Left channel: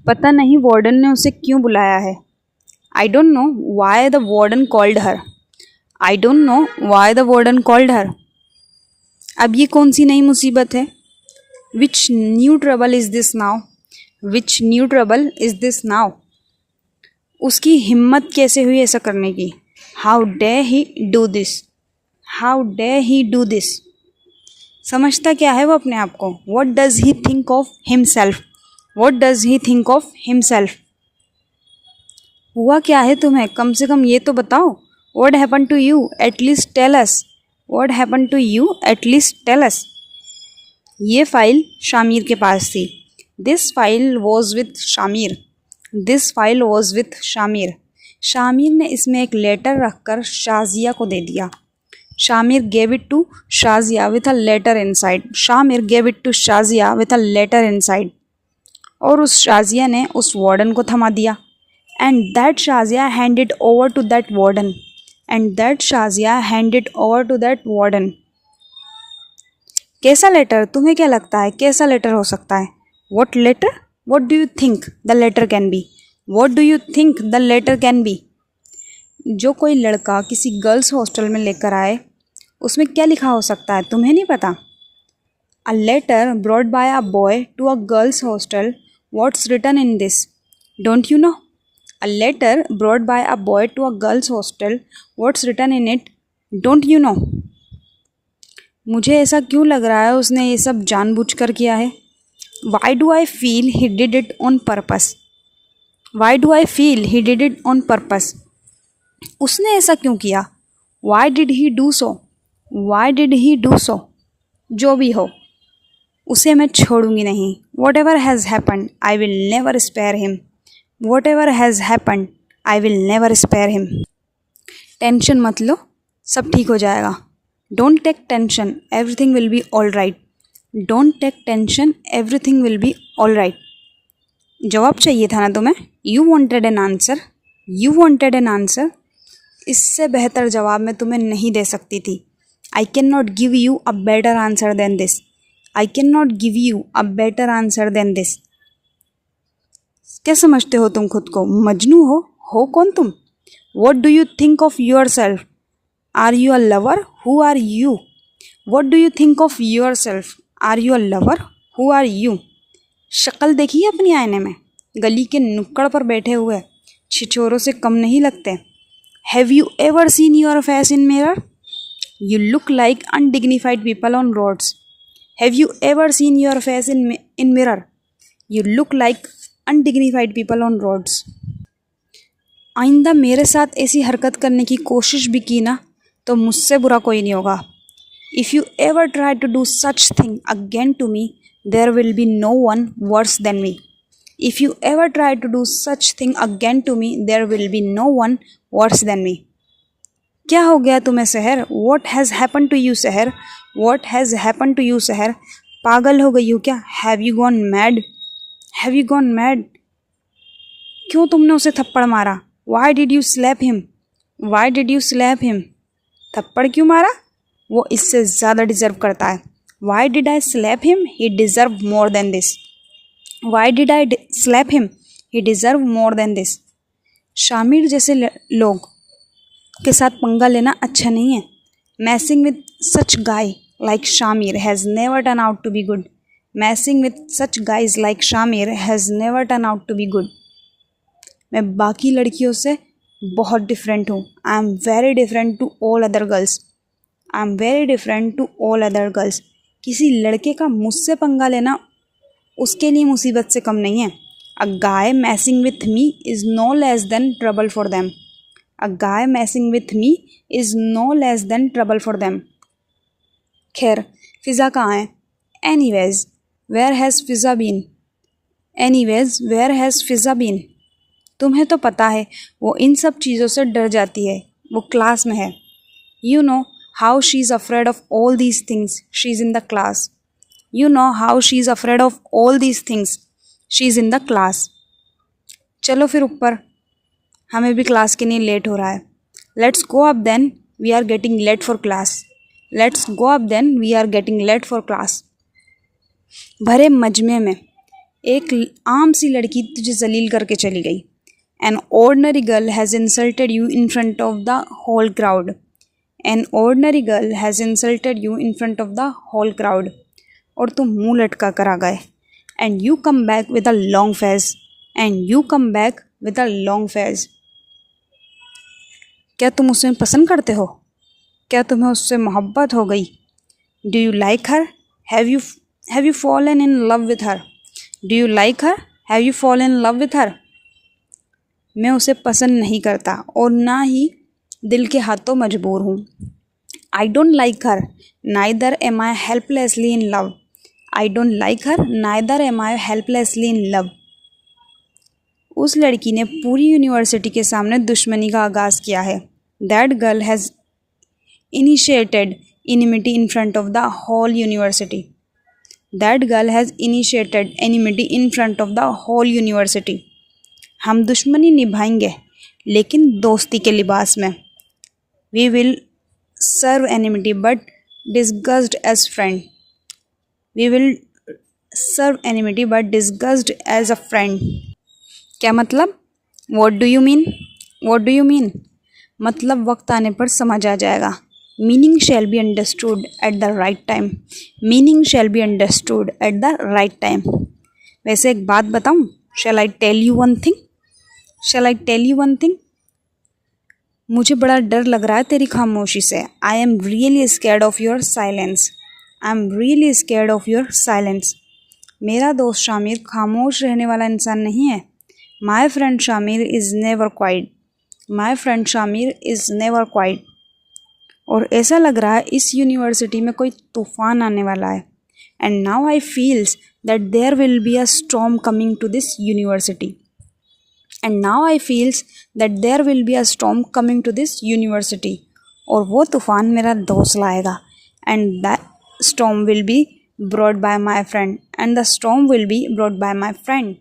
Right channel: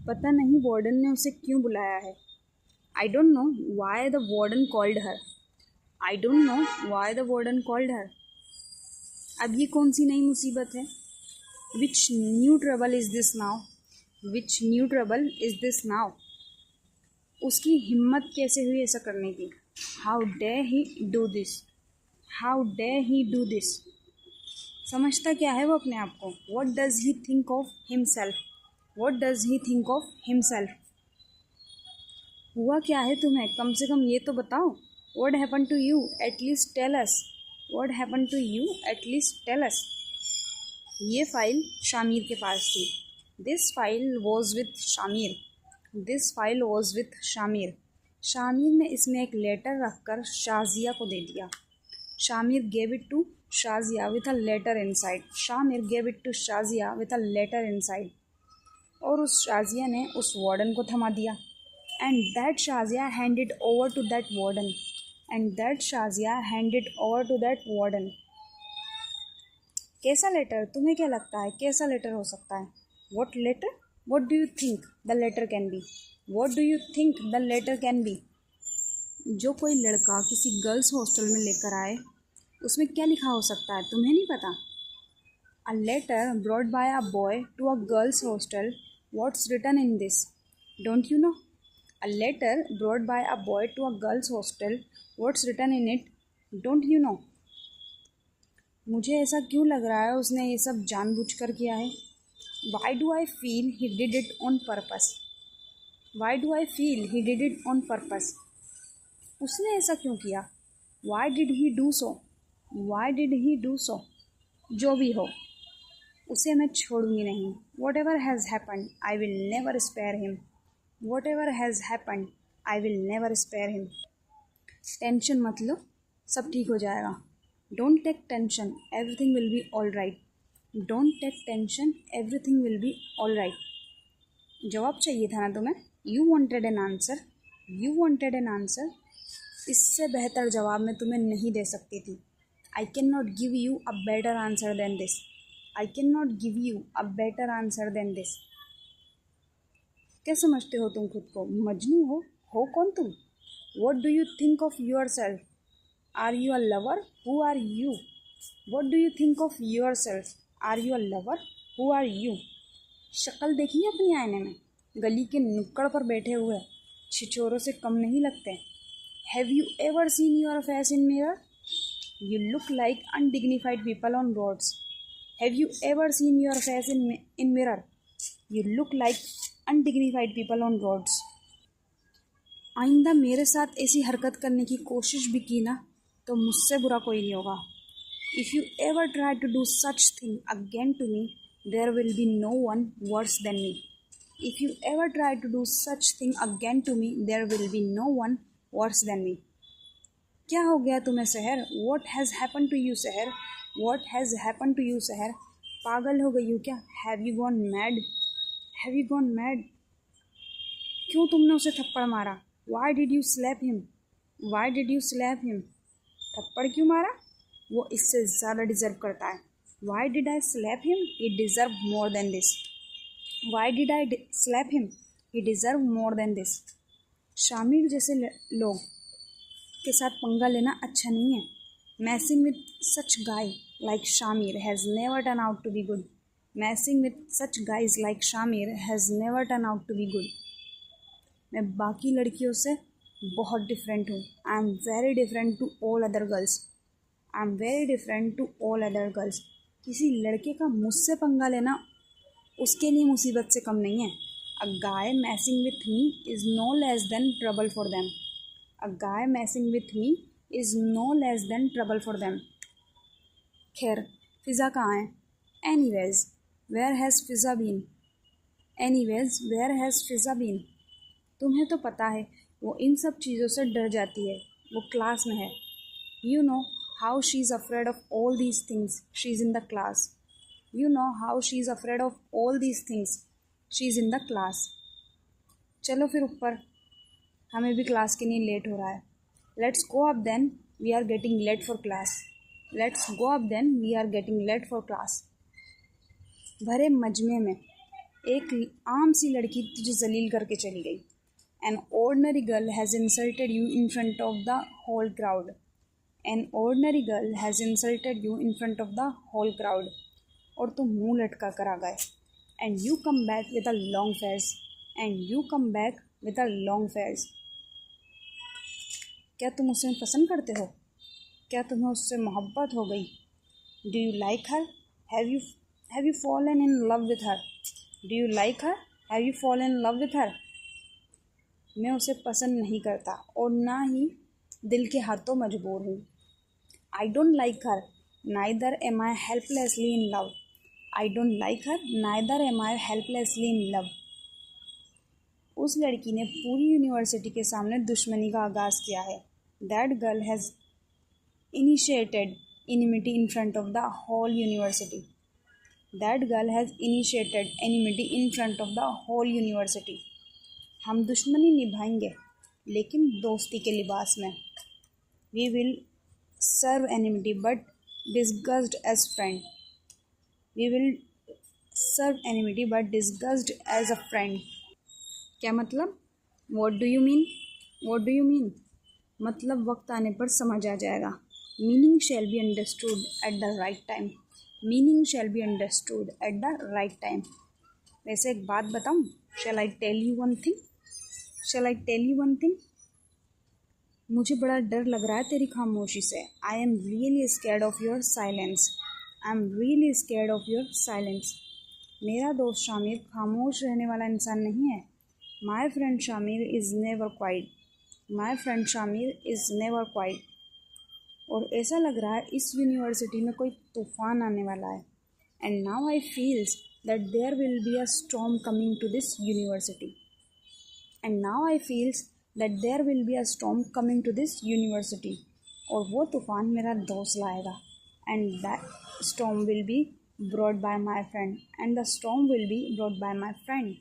पता नहीं वार्डन ने उसे क्यों बुलाया है। I don't know why the warden called her. I don't know why the warden called her. अब ये कौन सी नई मुसीबत है। Which new trouble is this now. Which new trouble is this now. उसकी हिम्मत कैसे हुई ऐसा करने की। How day he do this. How day he do this. समझता क्या है वो अपने आप को। What does he think of himself. What does he think of himself. हुआ क्या है तुम्हें, कम से कम ये तो बताओ। What happen to you, at least tell us. What happen to you, at least tell us. ये फाइल शामिर के पास थी। This file was with Shamir. This file was with Shamir. Shamir ने इसमें एक लेटर रखकर शाजिया को दे दिया। Shamir gave it to Shazia with a letter inside. Shamir gave it to Shazia with a letter inside. और उस शाजिया ने उस वार्डन को थमा दिया। And that Shazia handed over to that warden. And that Shazia handed over to that warden. कैसा लेटर, तुम्हें क्या लगता है कैसा लेटर हो सकता है। What letter, what do you think the letter can be. What do you think the letter can be. जो कोई लड़का किसी गर्ल्स हॉस्टल में लेकर आए उसमें क्या लिखा हो सकता है, तुम्हें नहीं पता। A letter brought by a boy to a girls hostel. What's written in this, don't you know. A letter brought by a boy to a girls hostel. What's written in it, don't you know. मुझे ऐसा क्यों लग रहा है उसने ये सब जानबूझकर किया है। Why do I feel he did it on purpose. Why do I feel he did it on purpose. उसने ऐसा क्यों किया। Why did he do so. Why did he do so. जो भी हो उसे मैं छोड़ूंगी नहीं। Whatever has happened I will never spare him. Whatever has happened I will never spare him. Tension मत लो, सब ठीक हो जाएगा। Don't take tension, everything will be all right. Don't take tension, everything will be all right. जवाब चाहिए था ना तुम्हें। You wanted an answer. You wanted an answer. इससे बेहतर जवाब मैं तुम्हें नहीं दे सकती थी। I can not give you a better answer than this. I can not give you a better answer than this. क्या समझते हो तुम खुद को, मजनू हो कौन तुम। What do you think of yourself. Are you a lover, who are you. What do you think of yourself. Are you a lover, who are you. शक्ल देखिए अपनी आईने में, गली के नुक्कड़ पर बैठे हुए छिछोरों से कम नहीं लगते। Have you ever seen your face in mirror. You look like undignified people on roads. Have you ever seen your face in mirror. You look like undignified people on roads. आइंदा मेरे साथ ऐसी हरकत करने की कोशिश भी की ना तो मुझसे बुरा कोई नहीं होगा। If you ever try to do such thing again to me there will be no one worse than me. If you ever try to do such thing again to me there will be no one worse than me. क्या हो गया तुम्हें Sahar. What has happen to you Sahar. What has happen to you Sahar. पागल हो गई हो क्या। Have you gone mad. Have you gone mad. क्यों तुमने उसे थप्पड़ मारा। Why did you slap him. Why did you slap him. थप्पड़ क्यों मारा, वो इससे ज़्यादा डिज़र्व करता है। Why did I slap him, he deserve more than this. Why did I slap him, he deserve more than this. Shamir जैसे लोग के साथ पंगा लेना अच्छा नहीं है। Messing with such guy like Shamir has never turn out to be good. मैसिंग with such guys like Shamir has never turn out to be good. मैं बाकी लड़कियों से बहुत डिफरेंट हूँ। I am very different to all other girls. I am very different to all other girls. किसी लड़के का मुझसे पंगा लेना उसके लिए मुसीबत से कम नहीं है। A guy messing with me is no less than trouble for them. A guy messing with me is no less than trouble for them. खैर फ़िज़ा कहाँ है। Anyways where has Fiza been. Anyways where has Fiza been. तुम्हें तो पता है वो इन सब चीज़ों से डर जाती है। वो क्लास में है। You know how she is afraid of all these things, she is in the class. You know how she is afraid of all these things, she is in the class. चलो फिर ऊपर, हमें भी class के लिए late हो रहा है। Let's go up then, we are getting late for class. Let's go up then, we are getting late for class. भरे मजमे में एक आम सी लड़की तुझे जलील करके चली गई। An ordinary girl has insulted you in front of the whole crowd. An ordinary girl has insulted you in front of the whole crowd. और तुम मुँह लटका कर आ गए। And you come back with a long face. And you come back with a long face. क्या तुम उसे पसंद करते हो? क्या तुम्हें उससे मोहब्बत हो गई? Do you like her? Have you fallen in love with her? Do you like her? Have you fallen in love with her? मैं उसे पसंद नहीं करता और ना ही दिल के हाथों मजबूर हूँ। I don't like her neither am I helplessly in love. I don't like her neither am I helplessly in love. उस लड़की ने पूरी यूनिवर्सिटी के सामने दुश्मनी का आगाज़ किया है। That girl has initiated enmity in front of the whole university. That girl has initiated enmity in front of the whole university. हम दुश्मनी निभाएंगे लेकिन दोस्ती के लिबास में। We will serve enmity but disguised as friend. We will serve enmity but disguised as a friend. क्या मतलब? What do you mean? What do you mean? मतलब वक्त आने पर समझ आ जाएगा। Meaning shall be understood at the right time. Meaning shall be understood at the right time. वैसे एक बात बताऊँ? Shall I tell you one thing? Shall I tell you one thing? मुझे बड़ा डर लग रहा है तेरी खामोशी से। I am really scared of your silence. I am really scared of your silence. मेरा दोस्त शामिर खामोश रहने वाला इंसान नहीं है। My friend Shamir is never quiet. My friend Shamir is never quiet. और ऐसा लग रहा है इस यूनिवर्सिटी में कोई तूफ़ान आने वाला है। And now I feels that there will be a storm coming to this university. And now I feels that there will be a storm coming to this university. और वो तूफ़ान मेरा दोस्त लाएगा। And that storm will be brought by my friend. And the storm will be brought by my friend.